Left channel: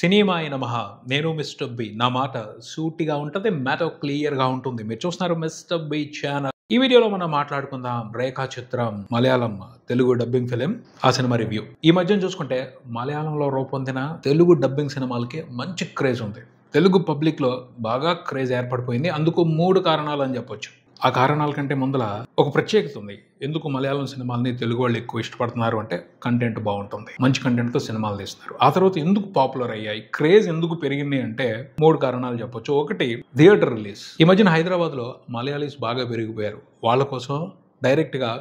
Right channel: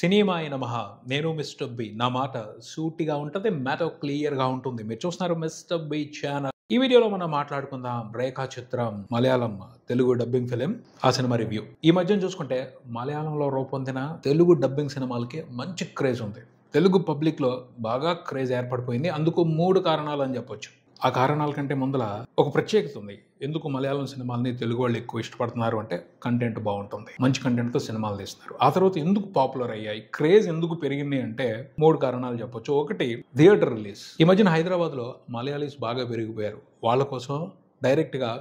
సినిమాయ నమః. నేను mister B. నా మాట సూటిగా ఉంటుంది, మ్యాటర్ క్లియర్ గా ఉంటుంది. మీరు చూస్తున్నారు మిస్టర్ బి ఛానల్. ఈ వీడియోలో మనం మాట్లాడుకుందాం రేఖా చిత్రం మలయాళం తెలుగు డబ్బింగ్ ఫిలిం, ఆ సినిమా రివ్యూ. ఈ మధ్యన చూసుకుంటే మలయాళంలో రూపొందిన తెలుగు డబ్బింగ్ సినిమాలకి మంచి క్రేజ్ ఉంది. తెలుగు పబ్లిక్ లో బాగా క్రేజ్ ఏర్పడిపోయింది. అందుకు 3 కారణాలు అని చెప్పొచ్చు. ఆ కారణాల కంటే ముందల ఒక ప్రత్యేకత ఉంది. ఎందుకు మలయాళం సినిమాల్ని తెలుగు వాళ్ళు ఎక్కువ ఇష్టపడుతున్నారు అంటే కంటెంట్ బాగుంటుంది, మంచి కంటెంట్ తో సినిమాలు తీస్తున్నారు. ఆ తర్వాత ఎందుకు పాపులర్ అయ్యాయి, క్రేజ్ ఎందుకు పెరిగింది అంటే 3 కారణాలు చెప్పొచ్చు. ఒకటి, థియేటర్ రిలీజ్. ఈ మధ్యన హైదరాబాద్ లో మలయాళీస్ బాగా పెరిగిపోయారు. వాళ్ళ కోసం డైరెక్ట్ గా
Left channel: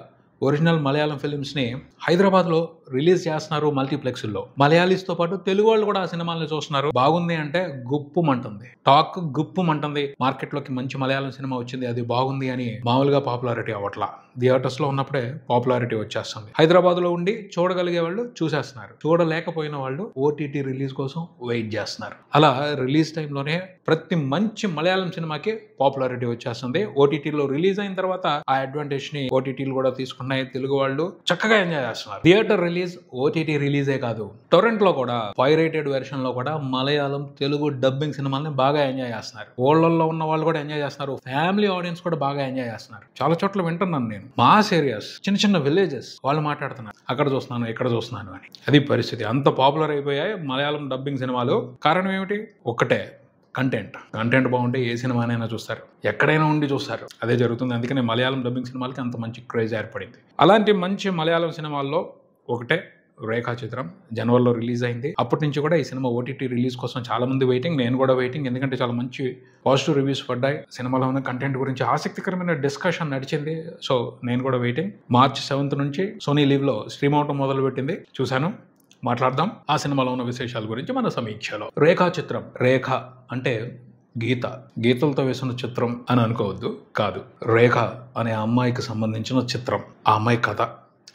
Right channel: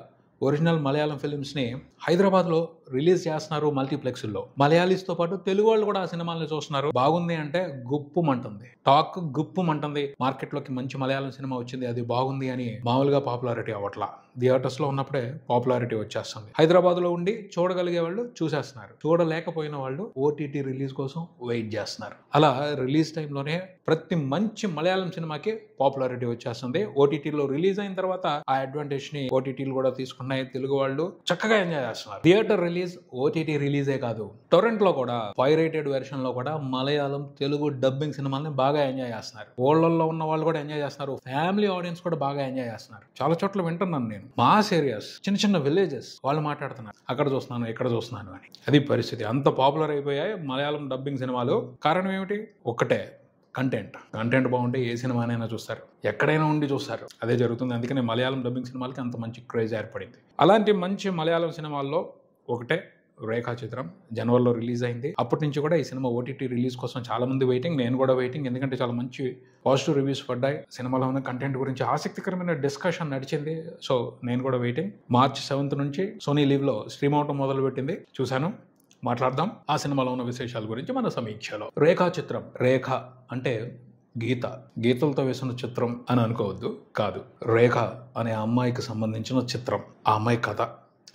ఒరిజినల్ మలయాళం ఫిలిమ్స్ ని హైదరాబాద్ లో రిలీజ్ చేస్తున్నారు మల్టీప్లెక్స్ లో. మలయాళీస్ తో పాటు తెలుగు వాళ్ళు కూడా ఆ సినిమాలను చూస్తున్నారు. బాగుంది అంటే గుప్పుమంటుంది, టాక్ గుప్పుమంటుంది. మార్కెట్ లోకి మంచి మలయాళం సినిమా వచ్చింది, అది బాగుంది అని మామూలుగా పాపులారిటీ అవ్వట్లా. థియేటర్స్ లో ఉన్నప్పుడే పాపులారిటీ వచ్చేస్తుంది. హైదరాబాద్ లో ఉండి చూడగలిగే వాళ్ళు చూసేస్తున్నారు, చూడలేకపోయిన వాళ్ళు ఓటీటీ రిలీజ్ కోసం వెయిట్ చేస్తున్నారు. అలా రిలీజ్ టైంలోనే ప్రతి మంచి మలయాళం సినిమాకి పాపులారిటీ వచ్చేస్తుంది. ఓటీటీలో రిలీజ్ అయిన తర్వాత ఆ అడ్వాంటేజ్ ని ఓటీటీలు కూడా తీసుకున్నాయి. తెలుగు వాళ్ళు చక్కగా ఎంజాయ్ చేస్తున్నారు. థియేటర్ రిలీజ్, ఓటీటీ రిలీజే కాదు, టొరెంట్ లో కూడా పైరేటెడ్ వెర్షన్ లో కూడా మలయాళం తెలుగు డబ్బింగ్ సినిమాల్ని బాగా ఎంజాయ్ చేస్తున్నారు. ఊళ్ళల్లో ఉన్న వాళ్ళు కూడా ఎంజాయ్ చేస్తున్నారు, ఫ్యామిలీ ఆడియన్స్ కూడా బాగా ఎంజాయ్ చేస్తున్నారు. చాలా చోట్ల వింటున్నాను నేను, మాస్ ఏరియాస్, చిన్న చిన్న విలేజెస్ వాళ్ళు మాట్లాడుతున్నారు, అక్కడ చూస్తున్నాను ఇక్కడ చూస్తున్నాను అని. అది పరిస్థితి. అంత పాపులర్ అయిపోయాయి మలయాళం డబ్బింగ్ సినిమాలు. కారణం ఏమిటి? ఒక్కటే, కంటెంట్ బాగుంటే ఏ సినిమానైనా చూస్తారు, ఎక్కడైనా ఉండి చూస్తారు. అదే జరుగుతుంది. అందుకనే మలయాళం డబ్బింగ్ సినిమాలకి అంత మంచి క్రేజ్ ఏర్పడింది. అలాంటి మంచి మలయాళం సినిమాల్లో ఒకటే రేఖా చిత్రం. జనవరిలో రిలీజ్ అయింది. అప్పటి నుంచి కూడా ఈ సినిమా ఓటీటీ రిలీజ్ కోసం చాలా మంది వెయిటింగ్, నేను కూడా వెయిటింగ్. ఎందుకంటే చాలా మంచి పాజిటివ్ రివ్యూస్ పడ్డాయి. సినిమాలో ఉన్న కంటెంట్ గురించి ఆసక్తికరమైన డిస్కషన్ నడిచింది. సో నేను కూడా వెయిటింగ్. మార్చి 7th నుంచి సోనీ లీవ్ లో స్ట్రీమ్ అవటం మొదలు పెట్టింది. చూశాను, మాట్లాడదాం ఆ సినిమాలో ఉన్న విశేషాల గురించి మన సమీక్షలో. రేఖా చిత్రం. రేఖ అంటే గీత, గీతలతో వేసిన చిత్రం అని అనుకోవద్దు, కాదు. రేఖ అనే అమ్మాయికి సంబంధించిన చిత్రం. ఆ అమ్మాయి కథ,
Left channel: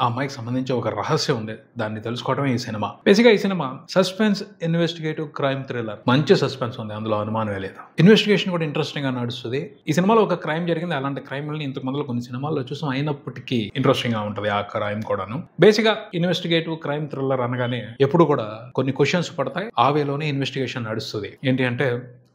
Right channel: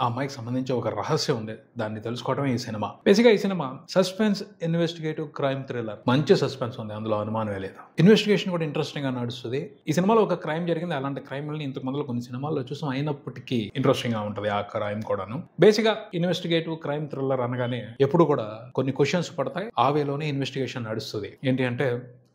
ఆ అమ్మాయికి సంబంధించి ఒక రహస్యం ఉంది, దాన్ని తెలుసుకోవడమే ఈ సినిమా. బేసిక్గా ఈ cinema suspense investigative crime thriller. మంచి సస్పెన్స్ ఉంది, అందులో అనుమానమే లేదు. ఇన్వెస్టిగేషన్ కూడా ఇంట్రెస్టింగ్ గా నడుస్తుంది. ఈ సినిమాలో ఒక క్రైమ్ జరిగింది. అలాంటి క్రైమ్ ఇంతకు ముందు కొన్ని సినిమాల్లో చూసాం, అయినప్పటికీ ఇంట్రెస్టింగ్ గా ఉంటుంది ఆ క్రైమ్ కూడాను. బేసిక్ గా ఇన్వెస్టిగేటివ్ క్రైమ్ థ్రిల్లర్ అనగానే ఎప్పుడు కూడా కొన్ని క్వశ్చన్స్ పడతాయి, ఆ వేలోనే ఇన్వెస్టిగేషన్ నడుస్తుంది. ఏంటి అంటే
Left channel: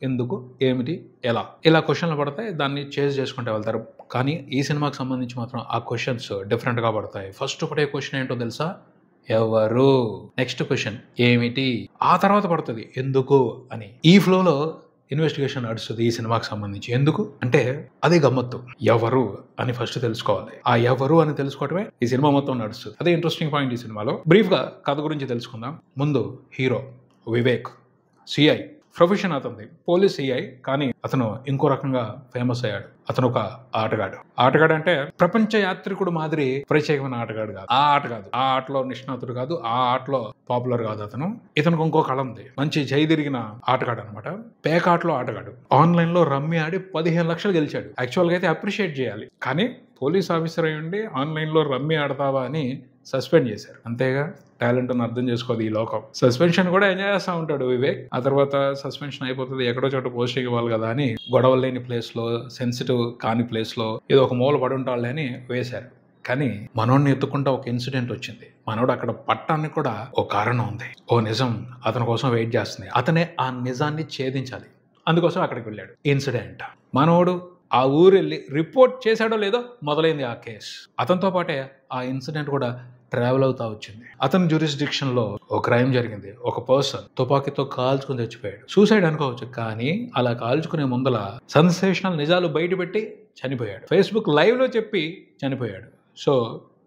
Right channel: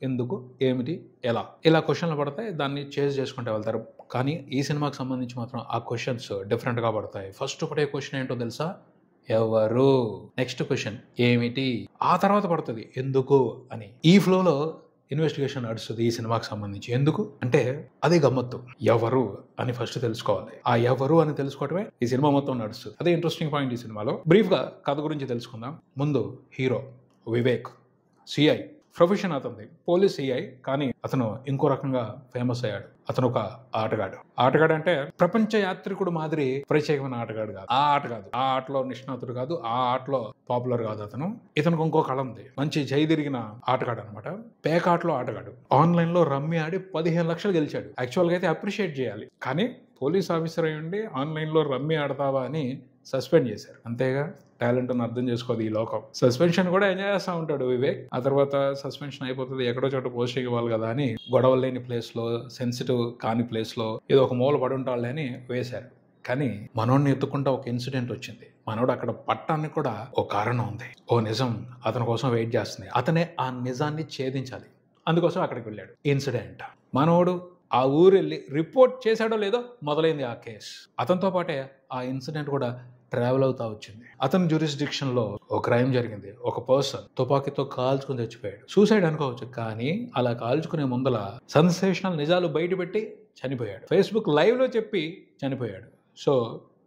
ఎందుకు, ఏమిటి, ఎలా, ఇలా క్వశ్చన్లు పడతాయి, దాన్ని చేజ్ చేసుకుంటూ వెళ్తారు. కానీ ఈ సినిమాకి సంబంధించి మాత్రం ఆ క్వశ్చన్స్ డిఫరెంట్ గా పడతాయి. ఫస్ట్ ఒకటే క్వశ్చన్ ఏంటో తెలుసా? ఎవరు? నెక్స్ట్ క్వశ్చన్ ఏమిటి? ఆ తర్వాత పడుతుంది ఎందుకు అని. ఈ ఫ్లోలో ఇన్వెస్టిగేషన్ నడుస్తుంది ఈ సినిమాకి సంబంధించి. ఎందుకు అంటే అది గమ్మత్తు. ఎవరు అని ఫస్ట్ తెలుసుకోవాలి. ఆ ఎవరు అని తెలుసుకోవటమే ఈ సినిమా మొత్తం నడుస్తుంది. అదే ఇంట్రెస్టింగ్ పాయింట్ ఈ సినిమాలో. బ్రీఫ్ గా కథ గురించి తెలుసుకుందాం. ముందు హీరో వివేక్, సిఐ. ప్రొఫెషన్ అతనిది పోలీస్ సిఐ, కానీ అతను ఇంకో రకంగా ఫేమస్ అయ్యాడు. అతను ఒక ఆటగాడు అంటే ప్రపంచ యాత్రికుడు మాదిరి ప్రత్యేకమైన ఆటగాడు కాదు. ఆ ఆట కాదు, ఆ ఆటలో నిష్ణాతుడు కాదు, ఆ ఆటలో పాపులర్ కాదు అతను. ఇతనికి ఇంకో కళ ఉంది, మంచి జైదిరిగిన ఆటగాడు అనమాట. పేకాటలో ఆటగాడు. ఆన్లైన్ లో రమ్మి ఆడి 15 లక్షలు గెలిచాడు. యాక్చువల్ గా అయితే అప్రిషియేట్ చేయాలి, కానీ పోలీస్ ఆఫీసర్ అయి ఉండి ఆన్లైన్ లో రమ్మి ఆడతావా అని సస్పెండ్ చేశారు. అంతేగా, టాలెంట్ అని అర్థం చేసుకోదు ఈ లోకం. సస్పెన్షన్ కూడా ఎంజాయ్ చేస్తూ ఉంటాడు వివేక్. ఆ తర్వాత సస్పెన్షన్ అయిపోతుంది, ఎక్కడో చోట పోస్టింగ్ ఇవ్వాలి కదా అని గొడవలు లేని ప్లేస్ లో, సెన్సిటివ్ కాని ప్లేస్ లో ఏదో ఒక మూల పడి ఉంటాళ్ళే అని వేశారు. కానీ మనోడిని ఎత్తుకుంటా ఒక ఇన్సిడెంట్ వచ్చింది. మనోడు అక్కడ పట్టానికి కూడా ఓ కారణం ఉంది, ఓ నిజం అతని కోసం వెయిట్ చేస్తుంది. అతనే ఆ నిజాన్ని ఛేదించాలి, అందుకోసం అక్కడికి వెళ్ళాడు. ఇన్సిడెంట్, మనోడు ఆ ఊరు వెళ్ళి రిపోర్ట్ చేశాడో లేదో మొదలైంది ఆ కేసు. అతనితో పాటే ఆ ఇన్సిడెంట్ కూడా ట్రావెల్ అవుతా వచ్చింది. అతని జ్యూరిస్డిక్షన్ లో ఒక క్రైమ్ జరిగింది. ఒక పర్సన్ తుపాకీతో కాల్చుకుని చచ్చిపోయాడు. సూసైడ్ అనుకోవచ్చు, కానీ అలా కాల్చుకునే ముందల సెన్సేషనల్ నిజాలు బయటపెట్టి చనిపోయాడు. ఫేస్బుక్ లైవ్ లో చెప్పి చనిపోయాడు. సో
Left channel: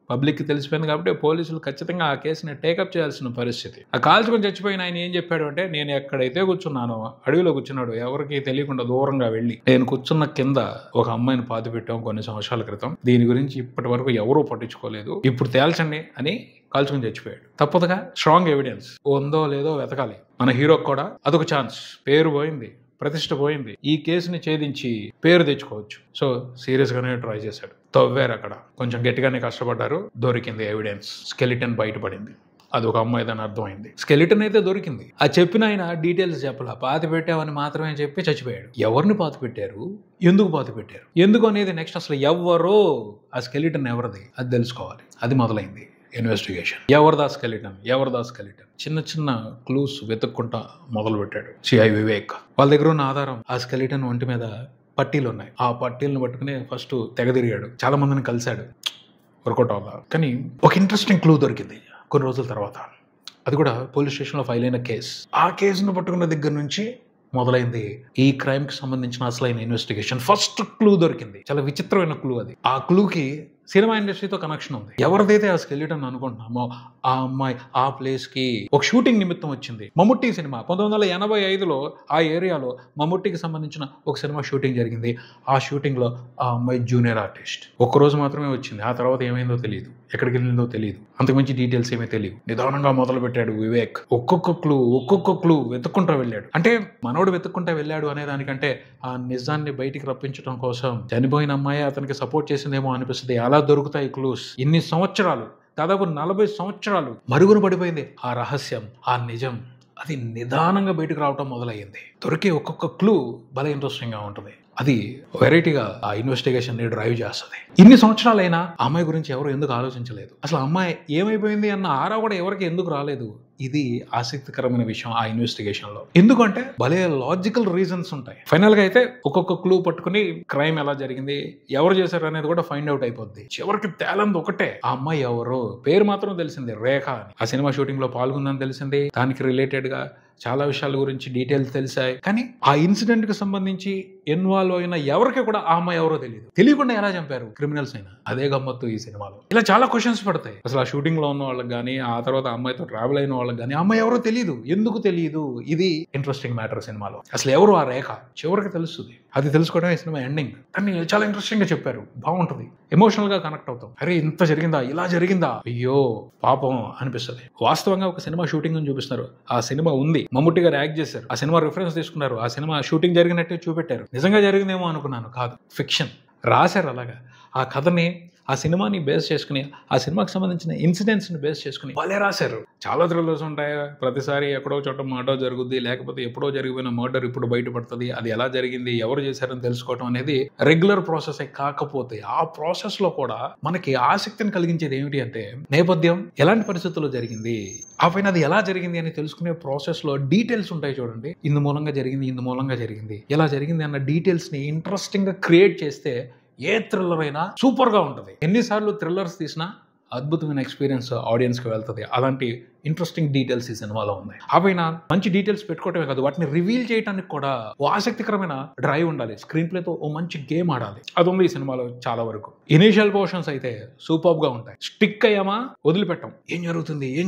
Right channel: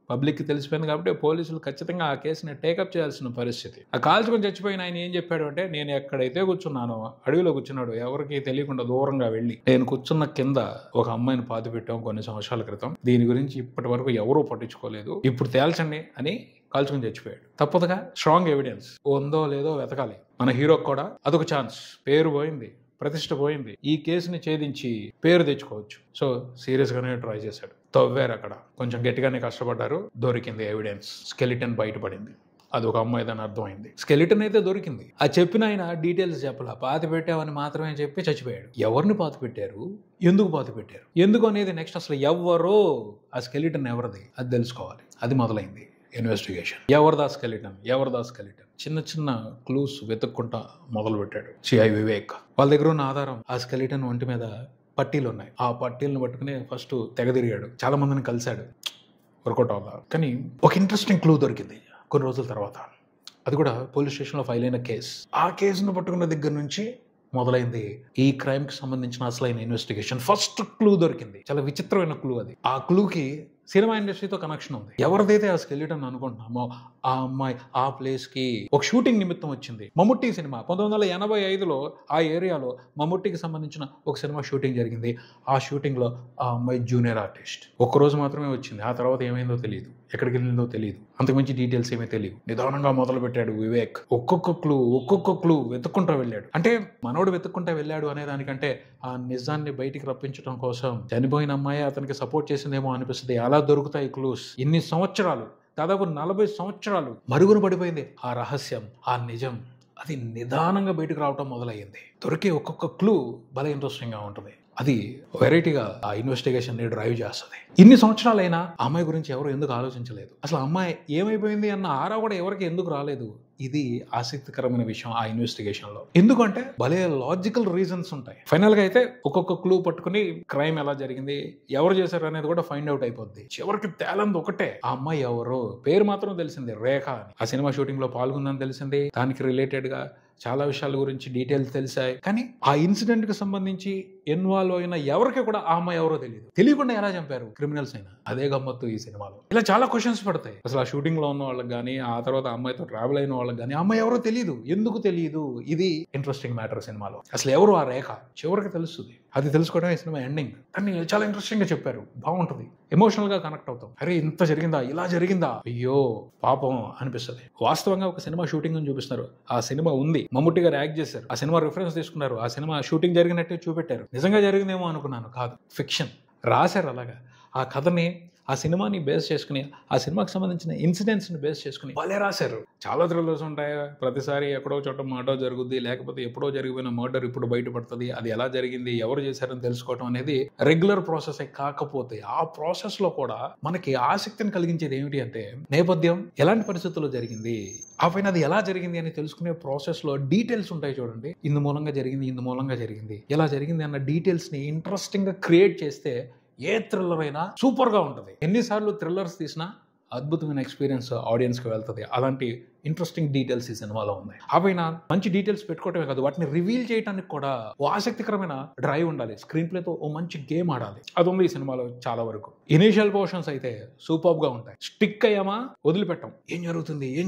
పబ్లిక్ కి తెలిసిపోయింది కాబట్టి పోలీసులు ఖచ్చితంగా ఆ కేసుని టేకప్ చేయాల్సిన పరిస్థితి. ఆ కాల్చుకొని చచ్చిపోయిన ఆయన ఏం చెప్పాడు అంటే, నేను ఎక్కడైతే కూర్చున్నానో అడవిలో కూర్చున్నాడు, ఎవరికి తెలియకుండా దూరంగా వెళ్ళి నేను కూర్చున్న కింద ఒక అమ్మాయిని పాతి పెట్టాం కొన్ని సంవత్సరాల క్రితం. దీని గురించి ఇప్పటి వరకు ఎవరూ పట్టించుకోలేదు, ఇప్పుడు తేల్చండి అని కాల్చుకొని చచ్చిపోయాడు. తప్పదుగా, స్ట్రాంగ్ ఎవిడెన్స్ ఉందో లేదో వెతకాలి. మన హీరోకి కూడా అదొక ఛాన్స్. పేరు పోయింది, ప్రతిష్ట పోయింది, ఈ కేసుని ఛేదించి పేరు తెచ్చుకోవచ్చు. సో సీరియస్ గానే ట్రై చేశాడు. తవ్వారు, అక్కడ కొంచెం గట్టిగానే కష్టపడ్డారు. దొరికింది ఎవిడెన్స్. స్కెలిటన్ బయటపడింది. అది ఒక అమ్మాయిదని అర్థమైంది. స్కెలిటన్ అయితే దొరికింది. ఆ చెప్పిన ఆయన డీటెయిల్స్ చెప్పలా, పాతి పెట్టామని మాత్రమే చెప్పి చచ్చిపోయాడు. ఎవరిని పాతి పెట్టారు, ఎందుకు పాతి పెట్టారు, ఎందుకు అనేది నెక్స్ట్. అసలు ఎవరో ఆ స్కెలిటన్ ఎవరిది అది తెలుసుకోవాలి. అది మొదలైంది. ఇన్వెస్టిగేషన్. ఎవరిదా స్కెలిటన్ చిన్న చిన్న క్లూస్ వెతుక్కుంటా మొదలు పెట్టాడు సిఐ వివేక్. వాళ్ళ దగ్గర ఉన్న ఆధారం ఆ స్కెలిటన్ ఒంటి మీద పట్టీలు ఉన్నాయి. ఆ పట్టీలను పట్టుకుని ఫస్ట్ తెగదిరిగాడు, చాలా మందిని కలిశాడు, వర్కౌట్ అవ్వదా. కానీ ఒక ఇంట్రెస్టింగ్ క్లూ దొరికింది కొన్ని రోజుల తర్వాత. అది కూడా పోలీస్ స్టేషన్లో ఫైల్ అయిన కేసు. ఆ కేసును పట్టుకున్న దగ్గర నుంచి మొదలైంది ఈ క్రైమ్ కి సంబంధించిన అసలైన ఇన్వెస్టిగేషన్. ఫస్ట్ క్లూ దొరికింది, చాలా విచిత్రమైన క్లూ అది. ఆ క్లూకి సినిమా ఇండస్ట్రీతో కనెక్షన్ ఉంది. ఎవరిదైతే ఆ స్కెలిటన్ అనుకుంటున్నామో ఆ అమ్మాయి ఆ ప్లేస్ కి ఒక షూటింగ్ నిమిత్తం వచ్చింది. మమ్ముట్టి సినిమా 1985లో ఆ ఏరియాలో మమ్ముట్టికి సంబంధించిన ఒక సినిమా షూటింగ్ జరిగింది. ఆ షూటింగ్ లో ఆ అమ్మాయి జూనియర్ ఆర్టిస్ట్. ఒక్కరోజు మాత్రమే వచ్చింది. ఆ తర్వాత ఏమైందో తెలియదు, ఎక్కడికి వెళ్ళిందో తెలియదు, అంతకుమించి డీటెయిల్స్ ఏమీ తెలియదు. నిదానంగా మొదలు పెట్టాడు వివేక్. ఒక్కొక్క క్లూ వెతుక్కుంటూ వెళ్ళాడు. అంటే మనోడు వెతుక్కుంటూ వెళ్ళాడు అనే దానికంటే ఆ నిజాన్ని బయటికి రప్పించడం కోసం చనిపోయిన అమ్మాయి అతనికి సపోర్ట్ చేసిందేమో అనిపిస్తుంది. అలా దొరుకుతాయి క్లూస్. ఇన్ని సంవత్సరాలు, దాదాపు 40 సంవత్సరాలు మరుగున పడిపోయింది ఆ రహస్యం, ఆ నిజం. అది నిదానంగా బయటకు రావటం మొదలయ్యింది. దొరికే ఒక్కొక్క క్లూ భలే ఇంట్రెస్టింగ్ గా ఉంటుంది. అది వెరైటీగా ఆ ఇన్వెస్టిగేషన్ ని డ్రైవ్ చేస్తుంది. ఇన్ని సంవత్సరాలైనా ఆ అమ్మాయి గురించి ఎవరు ఎందుకు ఆలోచించలేదు, అసలు అమ్మాయి ఏమైపోయింది అన్న ఆరా కూడా ఎవరికి ఎందుకు రాలేదు. ఇది ఆసక్తికరమైన విషయం ఆ ఇన్వెస్టిగేషన్ లో. ఎందుకంటే భలే లాజికల్ రీజన్స్ ఉంటాయి. ఫైనల్ గా అయితే ఒక్కొక్క క్లూ పట్టుకుని క్రైమ్ ఎలా జరిగింది, ఎవరు చేశారు అనేది కూడా ఫైండ్ అవుట్ అయిపోద్ది. చివరికి తేలంది ఒకటే, ఆ అమ్మాయి ఎవరు, పేరు మాత్రం తెలిసింది రేఖ అని. ఆ సినిమా షూటింగ్ లో పాల్గొందని తెలిసింది. దానికి రిలేటెడ్ గా చాలా విషయాల గురించి డీటెయిల్స్ తెలిసాయి. కానీ ఆ ఇన్సిడెంట్ కి సంబంధించి ఇన్వాల్వ్ అయిన ఎవరికి కూడా ఆ అమ్మాయి ఎవరో తెలియదు. తెలియకుండా ఎలా చంపారు క్రిమినల్స్ అయినా, అదే గమ్మత్తు ఈ సినిమాలో. ఇలా చాలా క్వశ్చన్స్ పడతాయి. అసలు ఆ షూటింగ్ లో ఉన్న వాళ్ళకి కానీ, ఆ తర్వాత అమ్మాయితో ట్రావెల్ అయిన వాళ్ళకి కానీ అమ్మాయి ఎవరో తెలియదు. ఎందుకు తెలియదు? ఇది ఇంట్రెస్టింగ్ మ్యాటర్ సినిమాలో. అసలు ఎవరు ఆ రేఖ చివరికి తెలుస్తుంది. అది తెలుసుకోవడం ఈ సినిమా ఎండింగ్. కానీ చాలా ఇంట్రెస్టింగ్ గా చెప్పారు, బాగుంటది, ఎమోషనల్ గా కనెక్ట్ అవుతాం. అరే ఇంత జరిగిందా, ఇలా జరిగిందా, అయ్యో పాపం అనిపిస్తుంది. వాస్తవంగా ఒక సినిమా షూటింగ్ అని చూపిస్తున్నారు. ఆ సినిమా ఉంది, మమ్ముట్టి గారు యాక్ట్ చేశారు, ఆ సినిమా రిఫరెన్స్ తీసుకున్నారు, ఆ సినిమా షూటింగ్ జరిగినట్టే చూపెట్టారు. నిజంగా జరిగిందేమో అనుకున్నాను, కాదు, ఫిక్షన్ రాశారు. అలాగా ఆ కథని, ఆ సినిమాని బేస్ చేసుకుని, ఆ సినిమాకి సంబంధించిన ఇన్సిడెంట్స్ ని బేస్ చేసుకుని వాళ్ళే రాశారు. చాలా థ్రిల్లర్స్ ఉంటాయి. ప్రతిసారి ఎక్కడో చోట మర్డర్ జరుగుద్ది, లేకపోతే ఎప్పుడో జరిగిపోయిన మర్డర్ ఇప్పుడు బయటపడుతుంది. అది ఎలా జరిగింది, ఎవరు చేశారని తెలుసుకోవడం అనేది రెగ్యులర్ ప్రాసెస్ కాకపోతే, ఆ ప్రాసెస్ లో కూడా మనకి ఆసక్తిని కలిగించేది ఏమిటి అంటే నేపథ్యం, ఎలాంటి పరిస్థితుల్లో జరిగింది, ఆ పైన అది ఎలా జరిగింది అని తెలుసుకునే ప్రాసెస్ లో డీటెయిల్స్ ఉంటాయి చూడండి. ఇందు మూలంగా జరిగింది, ఎలా జరిగింది అన్న డీటెయిల్స్ ని ఇంట్రెస్టింగ్ గా క్రియేట్ చేస్తే ఏ థ్రిల్లర్ అయినా సూపర్ గా ఉంటుంది. ఎన్నిసార్లు థ్రిల్లర్స్ తీసినా అద్భుతమైన ఎక్స్పీరియన్స్ ఆడియన్స్ కి వెళ్తుంది. అలాంటి ఇంట్రెస్టింగ్ డీటెయిల్స్ ఈ సినిమాలో ఉన్నాయి. ఆ పైన మంచి డీటెయిల్స్ పెట్టుకోవటమే కాదు, వాటిని రివీల్ చేయడానికి కూడా ఓ ఆసక్తికరమైన డ్రైవ్ ఉండాలి. స్క్రీన్ ప్లేతో ఓ మంచి గేమ్ ఆడాలి. అది ఉంది ఈ సినిమాలో చాలా వరకు. ఇనీషియల్ పోర్షన్స్ అయితే సూపర్ గా ఉంటాయి. స్టిక్ అయ్యామా వదిలిపెట్టాం, ఏం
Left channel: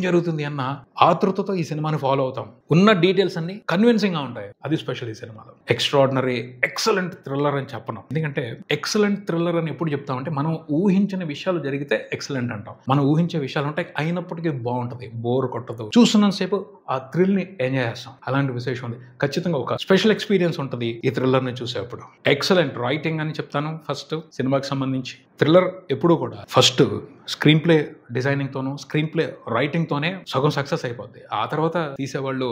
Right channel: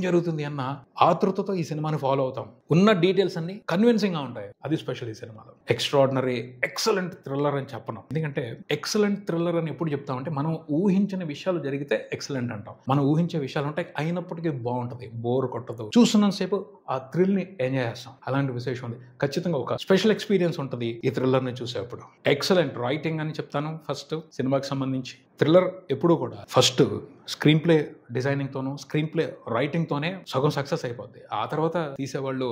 జరుగుతుంది అన్న ఆతృతతో ఈ సినిమాని ఫాలో అవుతాం. ఉన్న డీటెయిల్స్ అన్ని కన్విన్సింగ్ గా ఉంటాయి. అది స్పెషల్ ఈ సినిమాలో. ఎక్స్ట్రాడినరీ ఎక్సలెంట్ థ్రిల్లర్ అని చెప్పను, ఎందుకంటే ఎక్సలెంట్ థ్రిల్లర్ అని ఎప్పుడు చెప్తామంటే మనం ఊహించిన విషయాలు జరిగితే ఎక్సలెంట్ అంటాం. మనం ఊహించే విషయాలు ఉంటాయి, అయినప్పటికీ బాగుంటది, బోర్ కొట్టదు, చూస్తున్నంతసేపు ఆ థ్రిల్ ని ఎంజాయ్ చేస్తాం. అలాంటి విశేషం ఉంది. ఖచ్చితంగా ఒక స్పెషల్ ఎక్స్పీరియన్స్ ఉంటుంది ఈ థ్రిల్లర్ ని చూసేప్పుడు. ఎక్సలెంట్ రైటింగ్ అని చెప్తాను ఫస్ట్ సినిమాకి సంబంధించి. థ్రిల్లర్ ఎప్పుడూ కూడా ఫస్ట్ స్క్రీన్ ప్లే డిజైనింగ్ తోనూ, స్క్రీన్ ప్లే రైటింగ్ తోనే సగం సక్సెస్ అయిపోద్ది. ఆ తర్వాత తీసేవాళ్ళు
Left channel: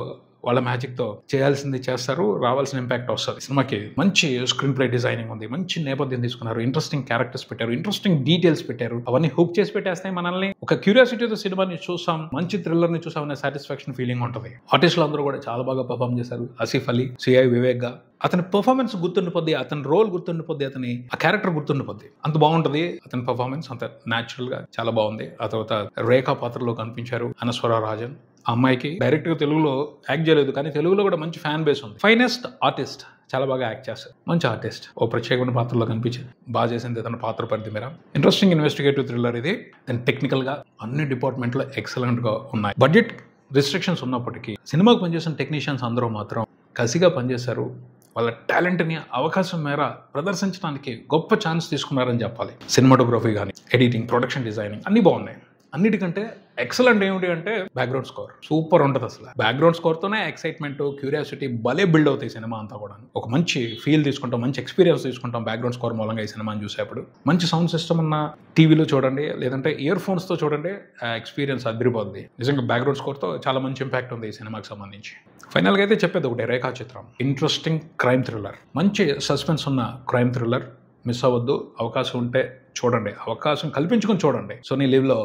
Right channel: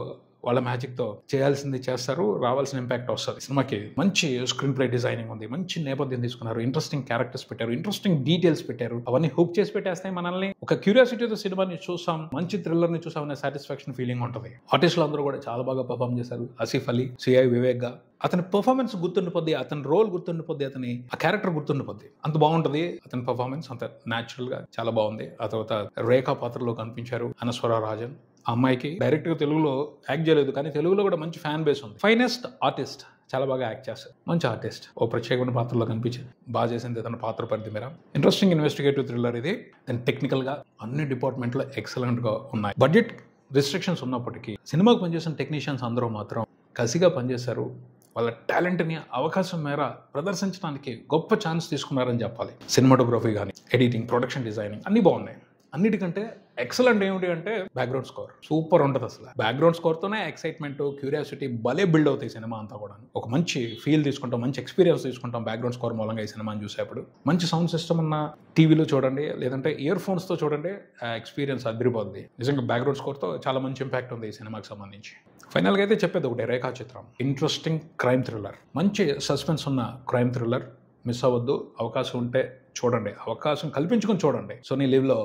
వాళ్ళ మ్యాజిక్ తో చేయాల్సింది చేస్తారు, రావాల్సిన ఇంపాక్ట్ వస్తుంది. సినిమాకి మంచి స్క్రీన్ ప్లే డిజైనింగ్ ఉంది, మంచి నేపథ్యం తీసుకున్నారు, ఇంట్రెస్టింగ్ క్యారెక్టర్స్ పెట్టారు, ఇంట్రెస్టింగ్ డీటెయిల్స్ పెట్టారు. అవన్నీ హుక్ చేసి పెట్టేస్తాయి మనల్ని. ఒక క్యూరియాసిటీతో సినిమాని చూసాం, మంచి థ్రిల్లర్ ని చూసాం అనే సాటిస్ఫాక్షన్ ఫీలింగ్ ఉంటుంది. ఆర్టిస్టులు అందరూ కూడా చాలా బాగా పర్ఫామ్ చేశారు. ఆసిఫ్ అలీ, సిఐ వివేక్ గా అతని పర్ఫార్మెన్స్ గుర్తుండిపోద్ది, అతని రోల్ గుర్తుండిపోద్ది, అతని ఆ క్యారెక్టర్ గుర్తుండిపోద్ది. అంత బాగుంటది అతని పర్ఫార్మెన్స్, అంత న్యాచురల్ గా చాలా బాగుంది. ఆ తర్వాత రేఖా పాత్రలో కనిపించారు అనస్వర రాజన్. ఆ అమ్మాయికి డైరెక్ట్ గా తెలుగులో యాక్ట్ చేయలేదు, కానీ తెలుగులో కూడా మంచి ఫ్యాన్ బేస్ ఉంది. ఫైనెస్ట్ ఆర్టిస్ట్, చాలా బాగా యాక్ట్ చేస్తారు, మంచి ఆర్టిస్ట్. ఓ ప్రత్యేకమైన పాత్రలో కనిపించింది, బాగా చేసింది తన పాత్ర పరిధి మేర. ఇంట్రెస్టింగ్ ఇన్వెస్టిగేటివ్ థ్రిల్లర్ ఇది. అండ్ టెక్నికల్ గా అన్ని డిపార్ట్మెంట్ లో ఎక్సలెంట్ గా ఉన్నాయి. బడ్జెట్ రిస్ట్రిక్షన్స్ ఉన్నప్పటికీ సినిమాకు పనిచేసిన టెక్నీషియన్స్ అందరూ మాత్రం కసిగా పనిచేశారు. వాళ్ళ టాలెంట్ని అవకాశం మేర ప్రదర్శించడానికి గొప్ప ఛాన్స్ తీసుకున్నారని చెప్పాలి. సినిమాటోగ్రఫీ కానీ, ఎడిటింగ్, ప్రొడక్షన్ డిజైనింగ్ అన్ని బాగున్నాయి. అన్నిటికంటే ఎక్సలెంట్ ఏమిటి అంటే బ్యాక్గ్రౌండ్ స్కోర్ సూపర్ ఉంటుంది. అసలు బ్యాక్గ్రౌండ్ స్కోర్ తోనే ఎక్సైట్మెంట్, క్యూరియాసిటీ భలే బిల్డ్ అవుతాయి సినిమా అంతా కూడా. ఒక మంచి ఫీల్ తీసుకుంటాం, మంచి ఎక్స్పీరియన్స్ తీసుకుంటాం బ్యాక్గ్రౌండ్ స్కోర్ మూలంగా ఈ సినిమాని చూసేప్పుడు. మంచి సౌండ్ సిస్టమ్ ఉన్న టీవీలో చూడండి, లేదంటే ఇయర్ ఫోన్స్ తో చూడండి, ఆ ఎక్స్పీరియన్స్ అదిరిపోద్ది. నిజంగా బ్యాక్గ్రౌండ్ స్కోర్ తో చాలా మంచి ఇంపాక్ట్ ఉంది ఈ సినిమాకి సంబంధించి. ఫైనల్ గా అయితే చెప్పేది ఒకటి, రేఖా చిత్రం ఇంట్రెస్టింగ్ క్రైమ్ థ్రిల్లర్, మంచి సస్పెన్స్ ఉన్న క్రైమ్ థ్రిల్లర్. మిస్ అవ్వద్దు, అవకాశం ఉంటే చూడండి, అవకాశం కల్పించుకొని చూడండి. సోనీ లివ్ లో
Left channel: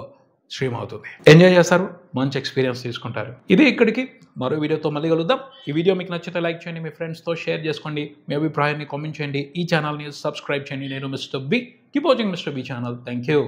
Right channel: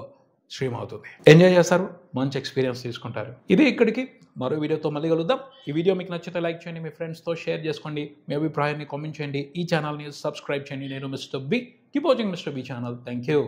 స్ట్రీమ్ అవుతుంది. ఎంజాయ్ చేస్తారు, మంచి ఎక్స్పీరియన్స్ తీసుకుంటారు. ఇది ఇక్కడికి. మరో వీడియోతో మళ్ళీ కలుద్దాం. ఈ వీడియో మీకు నచ్చితే లైక్ చేయండి, మీ ఫ్రెండ్స్తో షేర్ చేసుకోండి, మీ అభిప్రాయాన్ని కామెంట్ చేయండి, ఈ ఛానల్ని సబ్స్క్రైబ్ చేయండి. నేను mister B. Keep watching mister B channel. Thank you.